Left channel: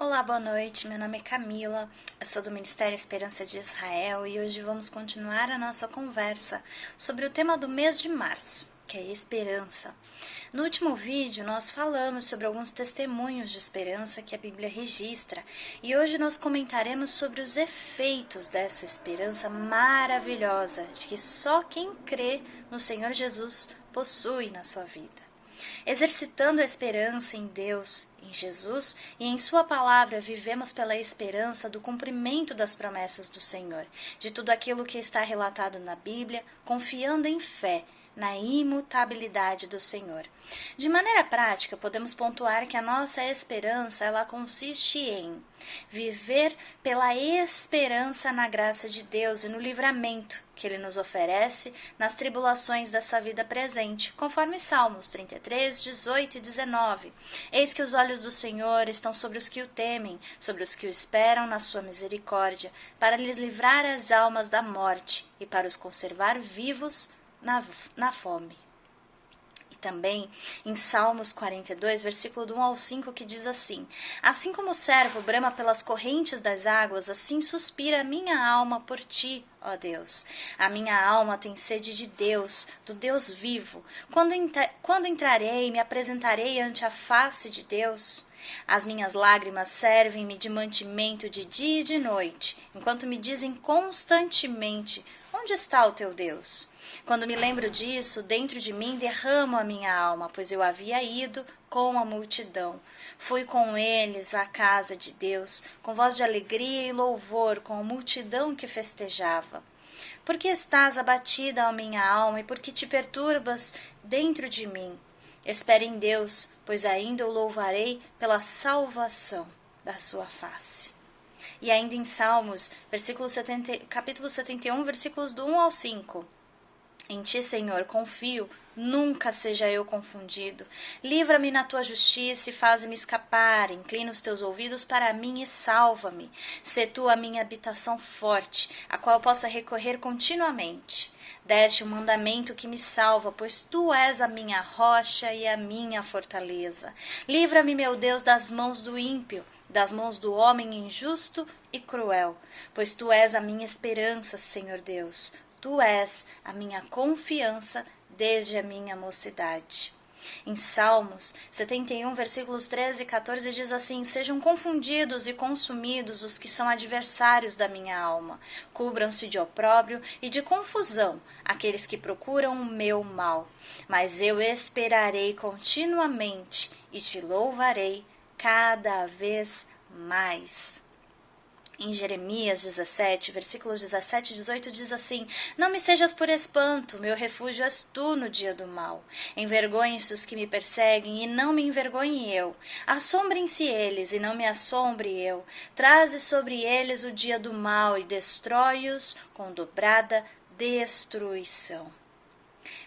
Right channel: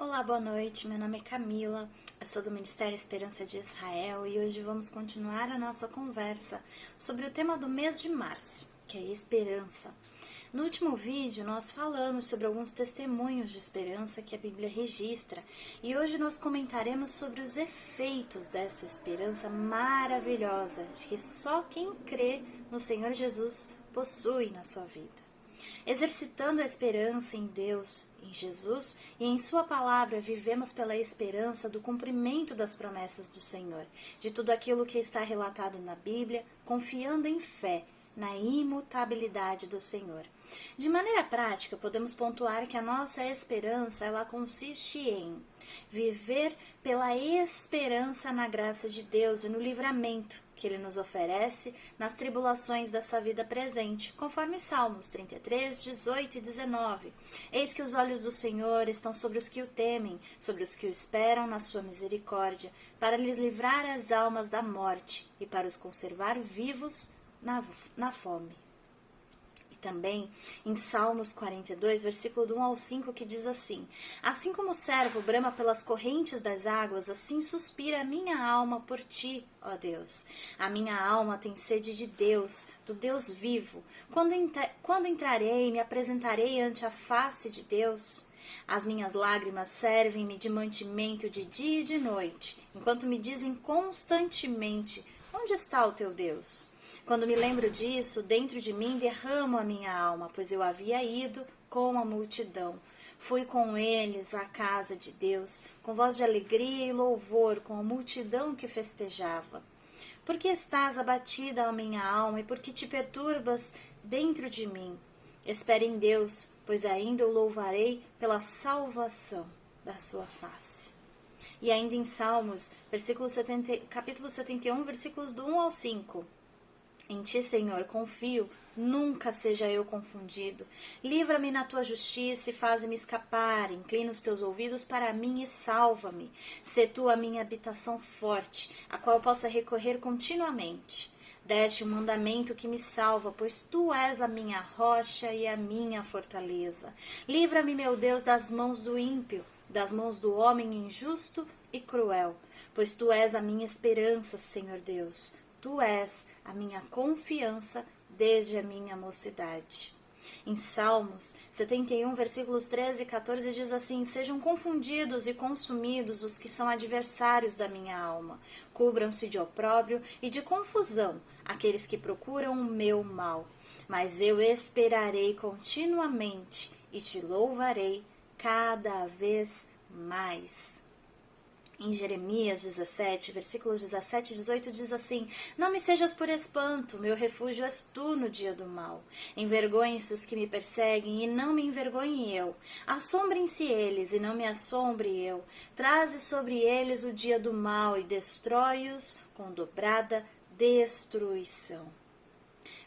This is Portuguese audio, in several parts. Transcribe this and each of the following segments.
Olá, boa noite. Meu nome é Camila, eu sou do Ministério Esperança de Israel e hoje vamos continuar a nossa conversa sobre o tema do mês de março, que é esperança. No último vídeo, nós falamos sobre alguns testemunhos de esperança que a Bíblia registra e hoje nós comentaremos sobre os efeitos dessa esperança maravilhosa de que só quem crê no Senhor Jesus possui na sua vida. Exercitando a esperança em Deus, em Jesus e em Sua palavra, vivemos pela esperança do cumprimento das promessas do Senhor, de tudo aquilo que está relatado na Bíblia, confiando em fé na imutabilidade do Senhor. De maneira prática, podemos pontuar que a nossa esperança ela consiste em viver pela esperança na graça de Deus e no livramento que Ele nos oferece nas tribulações dessa vida presente, conforme Salmos 33, 18 e 19. Eis que os olhos do Senhor estão sobre os que o temem, sobre os que o esperam na sua misericórdia, para lhes livrar as almas da morte e para os conservar vivos na fome. E também em Salmos 42, versículo do 1 ao 5, que diz assim: Assim como o servo brama pelas correntes das águas, assim suspira a minha alma por ti, ó Deus. A minha alma tem sede de Deus, do Deus vivo. Quando entrarei e me apresentarei ante a face de Deus? As minhas lágrimas servem-me de mantimento de dia e de noite, enquanto me dizem constantemente: onde está o teu Deus? Quando me lembro disso, dentro de mim derramo a minha alma, pois eu havia ido com a multidão. Fui com eles à casa de Deus, com voz de alegria e louvor, com a multidão que festejava. Por que estás abatida, ó minha alma, e por que te perturbas dentro de mim? Espere em Deus, pois ainda o louvarei pela salvação da sua face. E ainda em Salmos, capítulo 71, versículos do 1 ao 5. Em ti, Senhor, confio, nunca seja eu confundido. Livra-me na tua justiça e faz-me escapar. Inclina os teus ouvidos para mim e salva-me. Sê tu a minha habitação forte, a qual eu possa recorrer continuamente. Deste um mandamento que me salva, pois tu és a minha rocha e a minha fortaleza. Livra-me, meu Deus, das mãos do ímpio, das mãos do homem injusto e cruel, pois tu és a minha esperança, Senhor Deus. Tu és a minha confiança desde a minha mocidade. Em Salmos 71, versículos 13 e 14 diz assim: Sejam confundidos e consumidos os que são adversários da minha alma. Cubram-se de opróbrio e de confusão aqueles que procuram o meu mal. Mas eu esperarei continuamente e te louvarei cada vez mais. Em Jeremias 17, versículos 17 e 18 diz assim: Não me sejas por espanto, meu refúgio és tu no dia do mal. Envergonhe-se os que me perseguem e não me envergonhe eu. Assombrem-se eles e não me assombre eu. Traze sobre eles o dia do mal e destrói-os com dobrada destruição.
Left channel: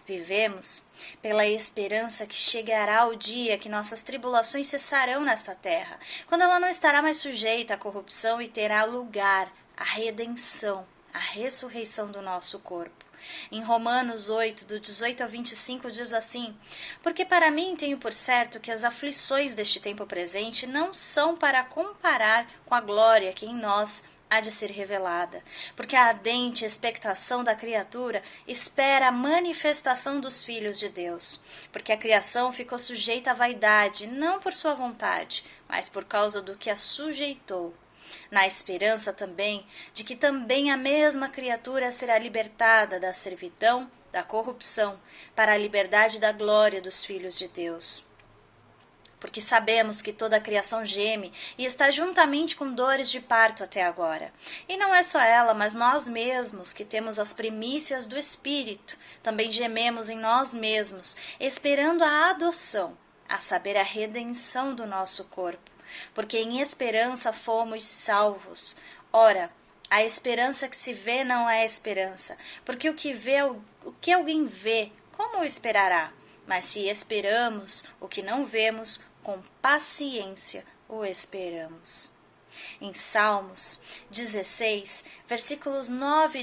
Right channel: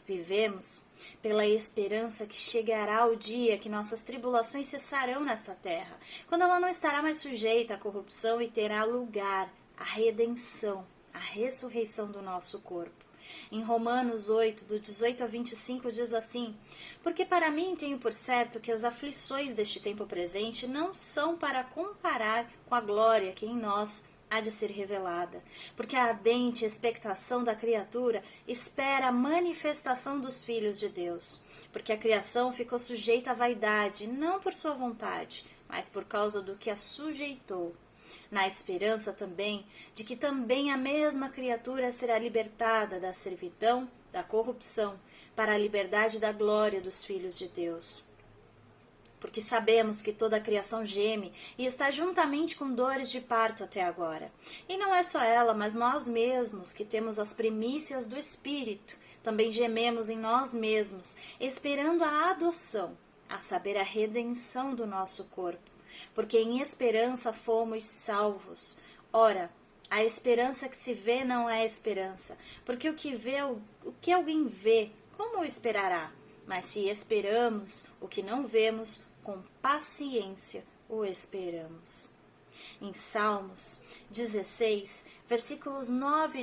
Vivemos pela esperança que chegará o dia que nossas tribulações cessarão nesta terra, quando ela não estará mais sujeita à corrupção e terá lugar a redenção, a ressurreição do nosso corpo. Em Romanos 8, do 18 ao 25, diz assim: Porque para mim tenho por certo que as aflições deste tempo presente não são para comparar com a glória que em nós há de ser revelada, porque a ardente expectação da criatura espera a manifestação dos filhos de Deus, porque a criação ficou sujeita à vaidade, não por sua vontade, mas por causa do que a sujeitou, na esperança também de que também a mesma criatura será libertada da servidão, da corrupção, para a liberdade da glória dos filhos de Deus. Porque sabemos que toda a criação geme e está juntamente com dores de parto até agora. E não é só ela, mas nós mesmos, que temos as primícias do Espírito, também gememos em nós mesmos, esperando a adoção, a saber, a redenção do nosso corpo. Porque em esperança fomos salvos. Ora, a esperança que se vê não é esperança, porque o que alguém vê, como o esperará? Mas se esperamos o que não vemos, com paciência o esperamos. Em Salmos 16, versículos 9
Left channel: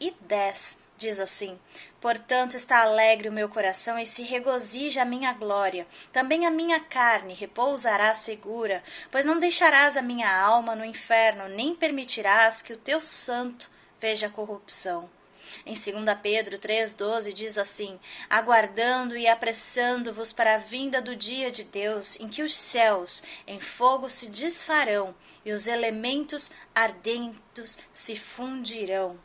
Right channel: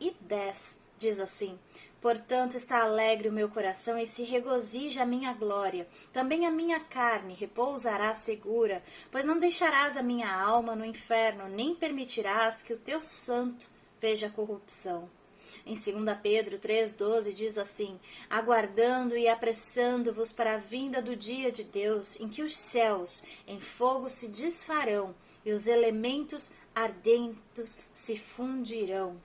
e 10, Diz assim: portanto está alegre o meu coração e se regozija a minha glória. Também a minha carne repousará segura, pois não deixarás a minha alma no inferno, nem permitirás que o teu santo veja corrupção. Em 2 Pedro 3,12 diz assim: aguardando e apressando-vos para a vinda do dia de Deus, em que os céus em fogo se desfarão e os elementos ardentes se fundirão.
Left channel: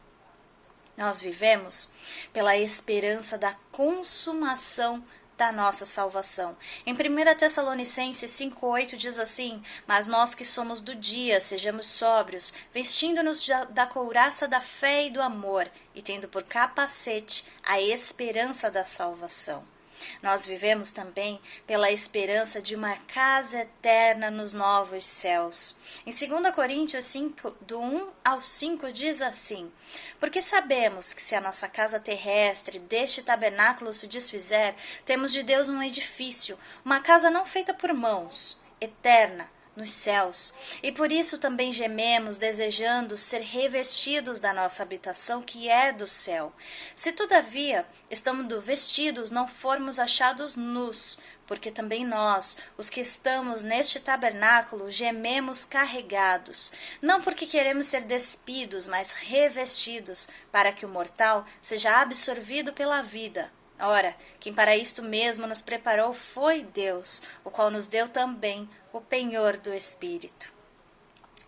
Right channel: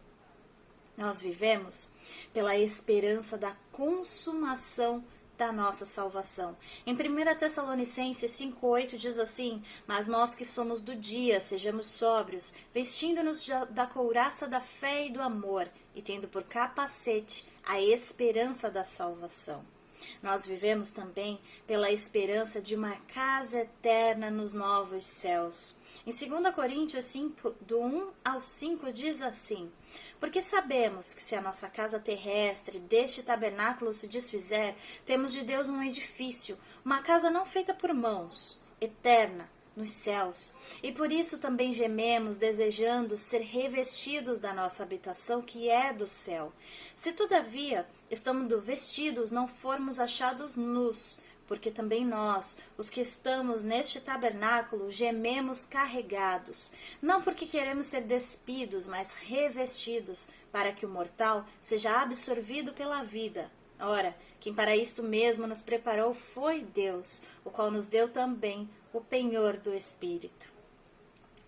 Nós vivemos pela esperança da consumação da nossa salvação. Em 1 Tessalonicenses 5,8 diz assim: mas nós que somos do dia, sejamos sóbrios, vestindo-nos da couraça da fé e do amor, e tendo por capacete a esperança da salvação. Nós vivemos também pela esperança de uma casa eterna nos novos céus. Em 2 Coríntios 5, do 1 ao 5, diz assim: porque sabemos que se a nossa casa terrestre deste tabernáculo se desfizer, temos de Deus um edifício, uma casa não feita por mãos, eterna, nos céus, e por isso também gememos, desejando ser revestidos da nossa habitação que é do céu. Se todavia, estando vestidos, não formos achados nus, porque também nós, os que estamos neste tabernáculo, gememos carregados, não porque queremos ser despidos, mas revestidos, para que o mortal seja absorvido pela vida. Ora, quem para isto mesmo nos preparou foi Deus, o qual nos deu também o penhor do Espírito.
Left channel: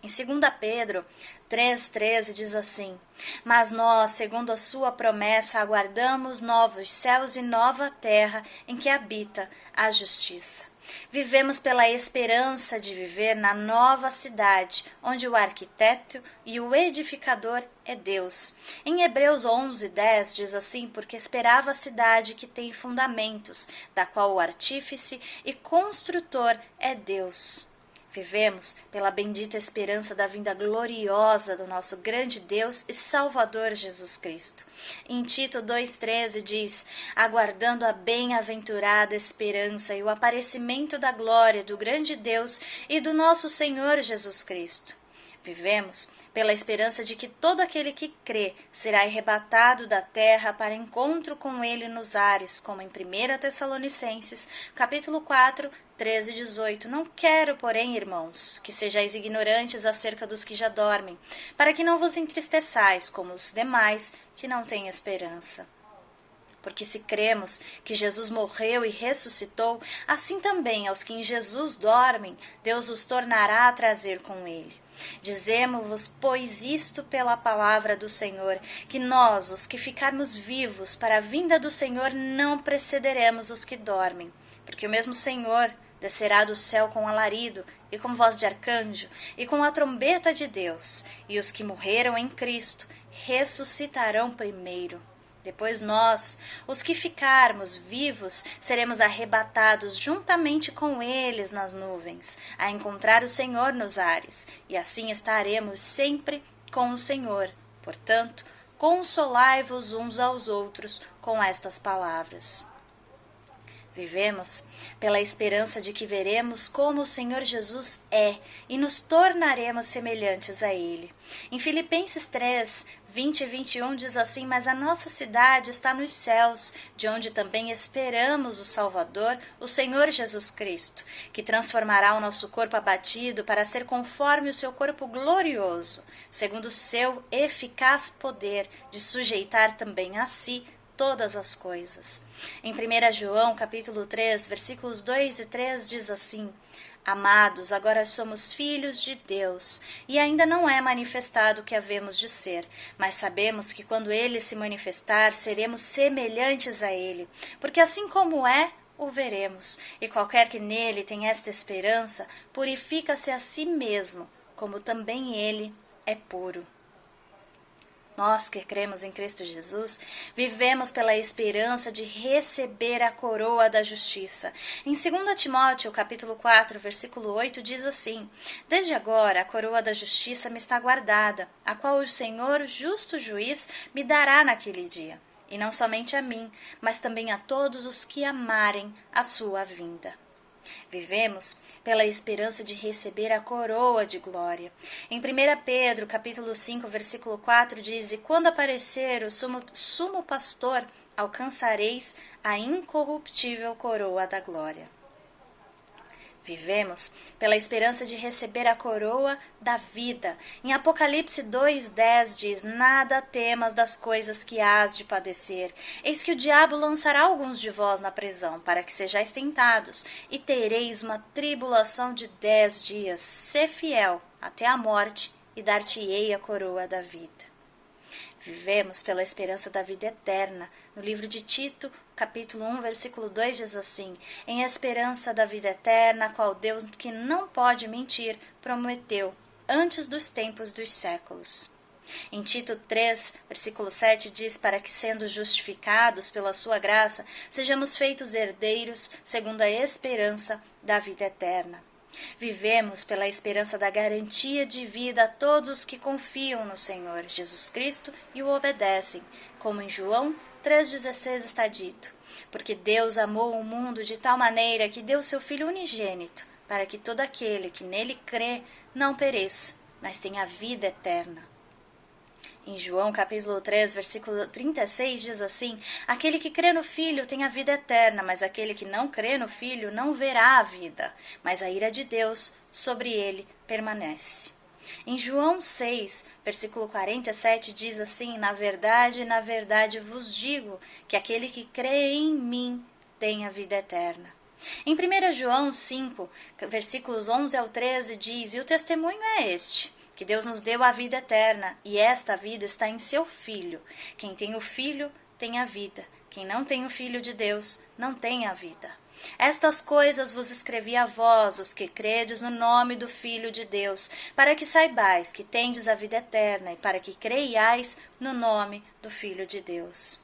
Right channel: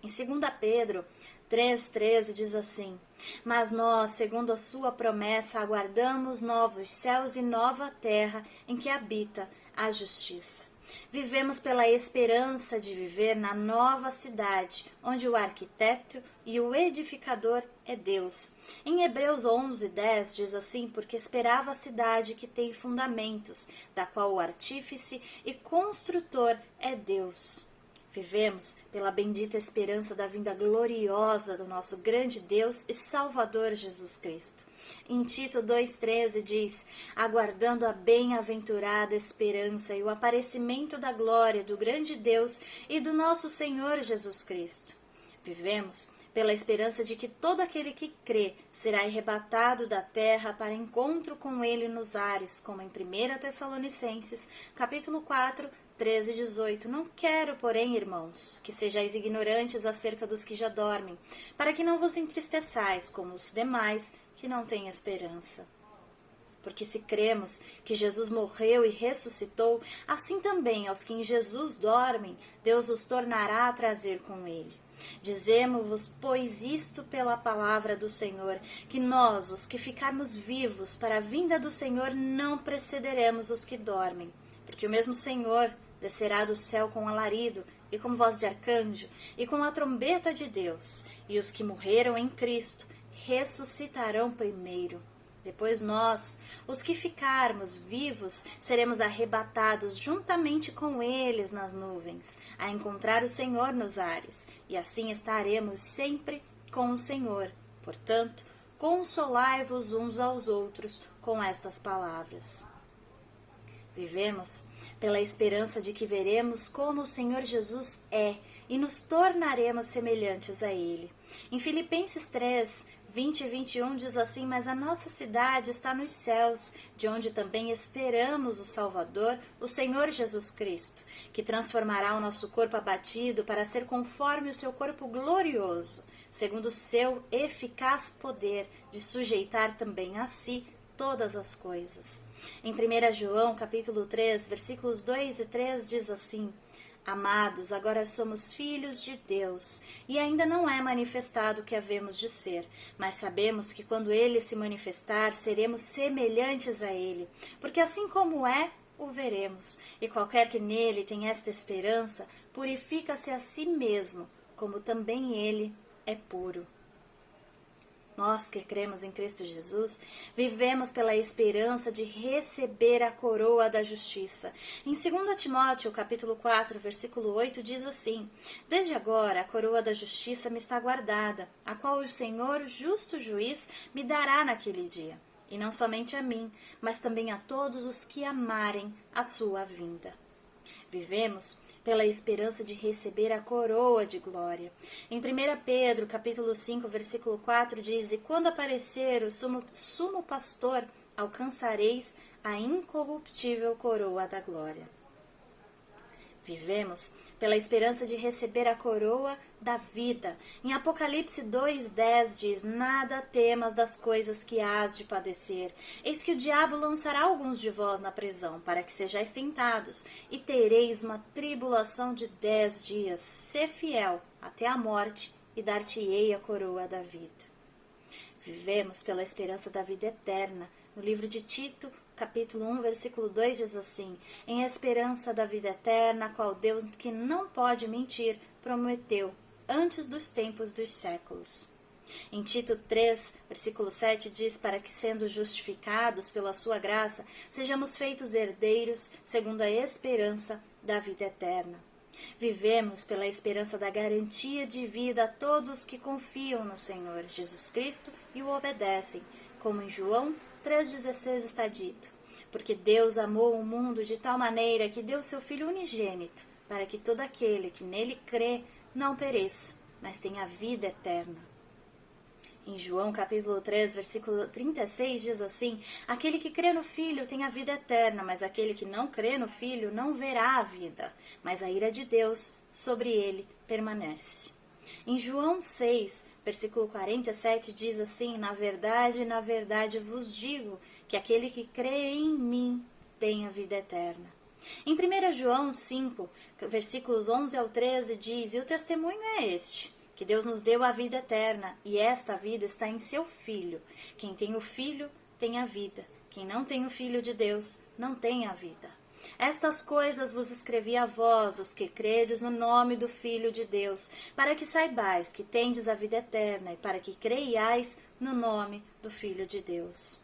Em 2 Pedro 3,13 diz assim: mas nós, segundo a sua promessa, aguardamos novos céus e nova terra em que habita a justiça. Vivemos pela esperança de viver na nova cidade, onde o arquiteto e o edificador é Deus. Em Hebreus 11:10 diz assim: porque esperava a cidade que tem fundamentos, da qual o artífice e construtor é Deus. Vivemos pela bendita esperança da vinda gloriosa do nosso grande Deus e Salvador Jesus Cristo. Em Tito 2,13 diz: aguardando a bem-aventurada esperança e o aparecimento da glória do grande Deus e do nosso Senhor Jesus Cristo. Vivemos pela esperança de que todo aquele que crê será arrebatado da terra para encontro com ele nos ares, como em 1 Tessalonicenses, capítulo 4, 13 e 18. Não quero, porém, irmãos, que sejais ignorantes acerca dos que já dormem, para que não vos entristeçais como os demais que não têm esperança. Porque se cremos que Jesus morreu e ressuscitou, assim também aos que em Jesus dormem, Deus os tornará a trazer com ele. Dizemo-vos, pois, isto pela palavra do Senhor, que nós, os que ficarmos vivos para a vinda do Senhor, não precederemos os que dormem. Porque o mesmo Senhor descerá do céu com alarido, e com voz de arcanjo, e com a trombeta de Deus, e os que morreram em Cristo ressuscitarão primeiro. Depois nós, os que ficarmos vivos, seremos arrebatados juntamente com eles nas nuvens, a encontrar o Senhor nos ares, e assim estaremos sempre com o Senhor. Portanto, consolai-vos uns aos outros com estas palavras. Vivemos pela esperança de que veremos como o Senhor Jesus é e nos tornaremos semelhantes a Ele. Em Filipenses 3, 20 e 21 diz assim: mas a nossa cidade está nos céus, de onde também esperamos o Salvador, o Senhor Jesus Cristo, que transformará o nosso corpo abatido para ser conforme o seu corpo glorioso, segundo o seu eficaz poder de sujeitar também a si todas as coisas. Em 1 João, capítulo 3, versículos 2 e 3 diz assim: amados, agora somos filhos de Deus, e ainda não é manifestado o que havemos de ser, mas sabemos que quando Ele se manifestar, seremos semelhantes a Ele, porque assim como é, o veremos, e qualquer que nele tem esta esperança, purifica-se a si mesmo, como também Ele é puro. Nós que cremos em Cristo Jesus, vivemos pela esperança de receber a coroa da justiça. Em 2 Timóteo, capítulo 4, versículo 8, diz assim: desde agora a coroa da justiça me está guardada, a qual o Senhor, justo juiz, me dará naquele dia. E não somente a mim, mas também a todos os que amarem a sua vinda. Vivemos pela esperança de receber a coroa de glória. Em 1 Pedro, capítulo 5, versículo 4, diz: E quando aparecer o sumo pastor, alcançareis a incorruptível coroa da glória. Vivemos pela esperança de receber a coroa da vida. Em Apocalipse 2:10 diz: Nada temas das coisas que hás de padecer. Eis que o diabo lançará alguns de vós na prisão, para que sejais tentados, e tereis uma tribulação de 10 dias. Sê fiel até a morte, e dar-te-ei a coroa da vida. Vivemos pela esperança da vida eterna. No livro de Tito, capítulo 1, versículo 2 diz assim: Em esperança da vida eterna, a qual Deus, que não pode mentir, prometeu antes dos tempos dos séculos. Em Tito 3, versículo 7 diz: Para que, sendo justificados pela sua graça, sejamos feitos herdeiros segundo a esperança da vida eterna. Vivemos pela esperança da garantia de vida a todos os que confiam no Senhor Jesus Cristo e o obedecem, como em João 3,16 está dito: Porque Deus amou o mundo de tal maneira que deu seu Filho unigênito, para que todo aquele que nele crê não pereça, mas tenha vida eterna. Em João capítulo 3, versículo 36 diz assim: Aquele que crê no Filho tem a vida eterna, mas aquele que não crê no Filho não verá a vida, mas a ira de Deus sobre ele permanece. Em João 6, versículo 47 diz assim: na verdade vos digo que aquele que crê em mim tem a vida eterna. Em 1 João 5, versículos 11 ao 13 diz: E o testemunho é este, que Deus nos deu a vida eterna, e esta vida está em seu Filho. Quem tem o Filho tem a vida. Quem não tem o Filho de Deus não tem a vida. Estas coisas vos escrevi a vós, os que credes no nome do Filho de Deus, para que saibais que tendes a vida eterna, e para que creiais no nome do Filho de Deus.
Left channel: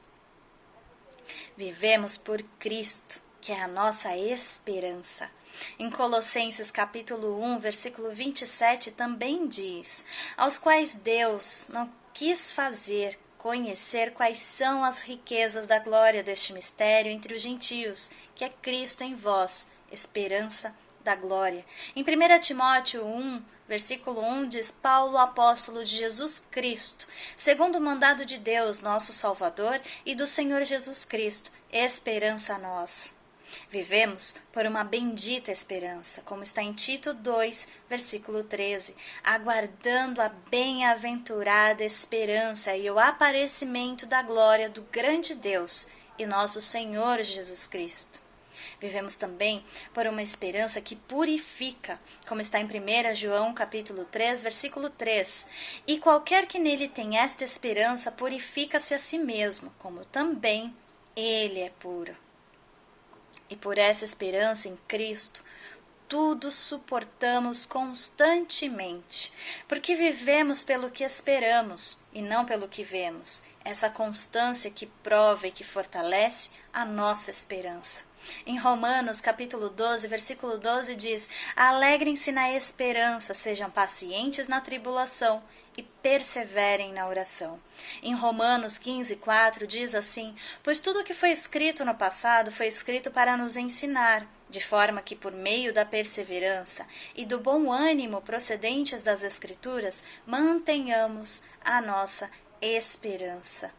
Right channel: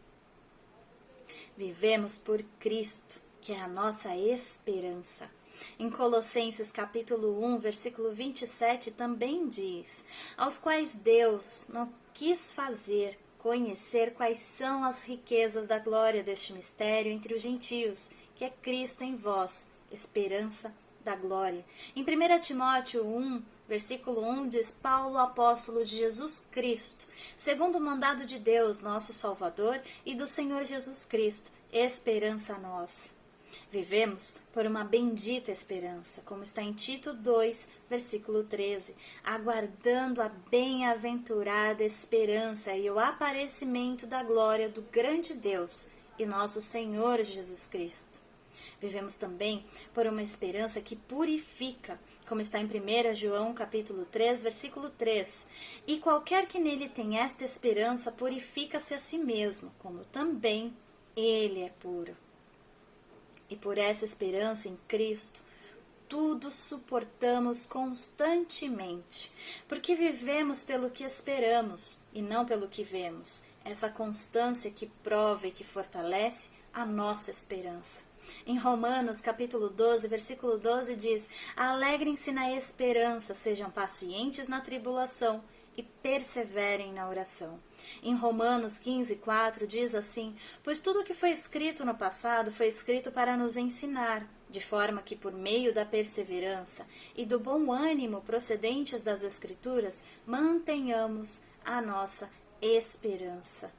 Vivemos por Cristo, que é a nossa esperança. Em Colossenses capítulo 1, versículo 27 também diz: aos quais Deus não quis fazer conhecer quais são as riquezas da glória deste mistério entre os gentios, que é Cristo em vós, esperança da glória. Em 1 Timóteo 1, versículo 1 diz: Paulo, apóstolo de Jesus Cristo, segundo o mandado de Deus, nosso Salvador, e do Senhor Jesus Cristo, esperança a nós. Vivemos por uma bendita esperança, como está em Tito 2, versículo 13, aguardando a bem-aventurada esperança e o aparecimento da glória do grande Deus e nosso Senhor Jesus Cristo. Vivemos também por uma esperança que purifica, como está em 1 João capítulo 3, versículo 3. E qualquer que nele tem esta esperança purifica-se a si mesmo, como também ele é puro. E por essa esperança em Cristo, tudo suportamos constantemente, porque vivemos pelo que esperamos e não pelo que vemos. Essa constância que prova e que fortalece a nossa esperança. Em Romanos, capítulo 12, versículo 12 diz: Alegrem-se na esperança, sejam pacientes na tribulação e perseverem na oração. Em Romanos 15, 4 diz assim: Pois tudo o que foi escrito no passado foi escrito para nos ensinar, de forma que por meio da perseverança e do bom ânimo procedentes das Escrituras, mantenhamos a nossa esperança.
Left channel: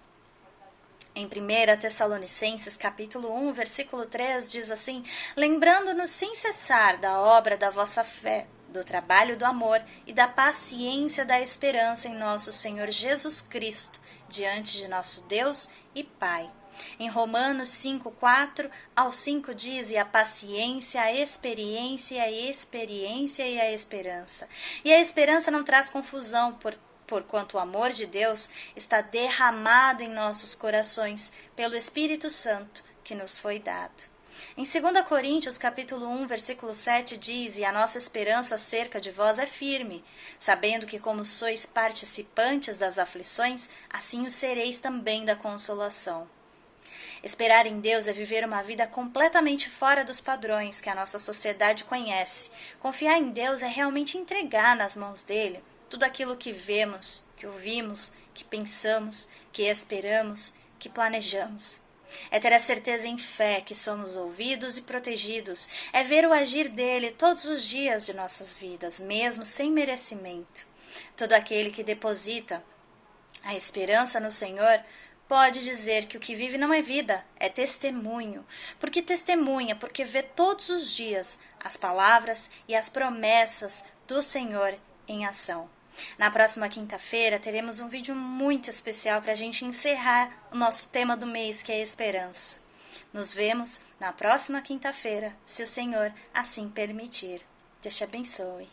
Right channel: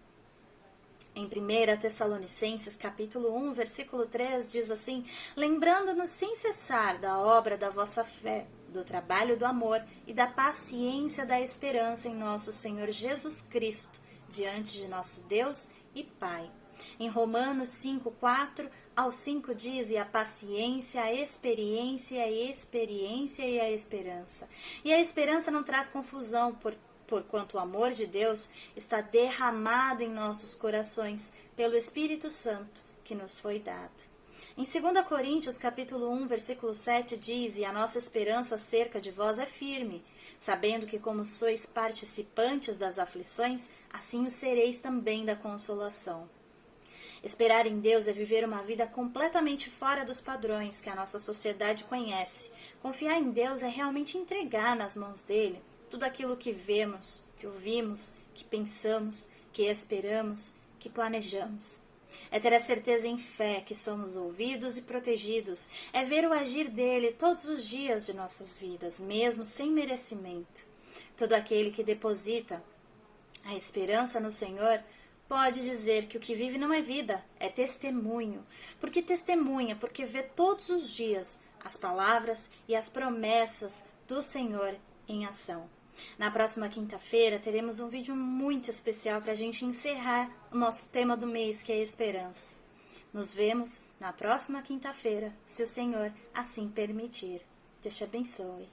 Em 1 Tessalonicenses, capítulo 1, versículo 3, diz assim: Lembrando-nos sem cessar da obra da vossa fé, do trabalho do amor e da paciência da esperança em nosso Senhor Jesus Cristo, diante de nosso Deus e Pai. Em Romanos 5, 4 ao 5 diz: E a paciência, a experiência, a experiência e a esperança. E a esperança não traz confusão, porquanto o amor de Deus está derramado em nossos corações pelo Espírito Santo que nos foi dado. Em 2 Coríntios, capítulo 1, versículo 7 diz: E a nossa esperança acerca de vós é firme, sabendo que como sois participantes das aflições, assim o sereis também da consolação. Esperar em Deus é viver uma vida completamente fora dos padrões que a nossa sociedade conhece. Confiar em Deus é realmente entregar nas mãos dele tudo aquilo que vemos, que ouvimos, que pensamos, que esperamos, que planejamos. É ter a certeza em fé que somos ouvidos e protegidos. É ver o agir dele todos os dias de nossas vidas, mesmo sem merecimento. Todo aquele que deposita a esperança no Senhor pode dizer que o que vive não é vida, é testemunho. Porque testemunha, porque vê todos os dias as palavras e as promessas do Senhor em ação. Na próxima quinta-feira teremos um vídeo muito especial para a gente encerrar o nosso tema do mês, que é a esperança. Nos vemos na próxima quinta-feira, se o Senhor assim permitir. Deus te abençoe.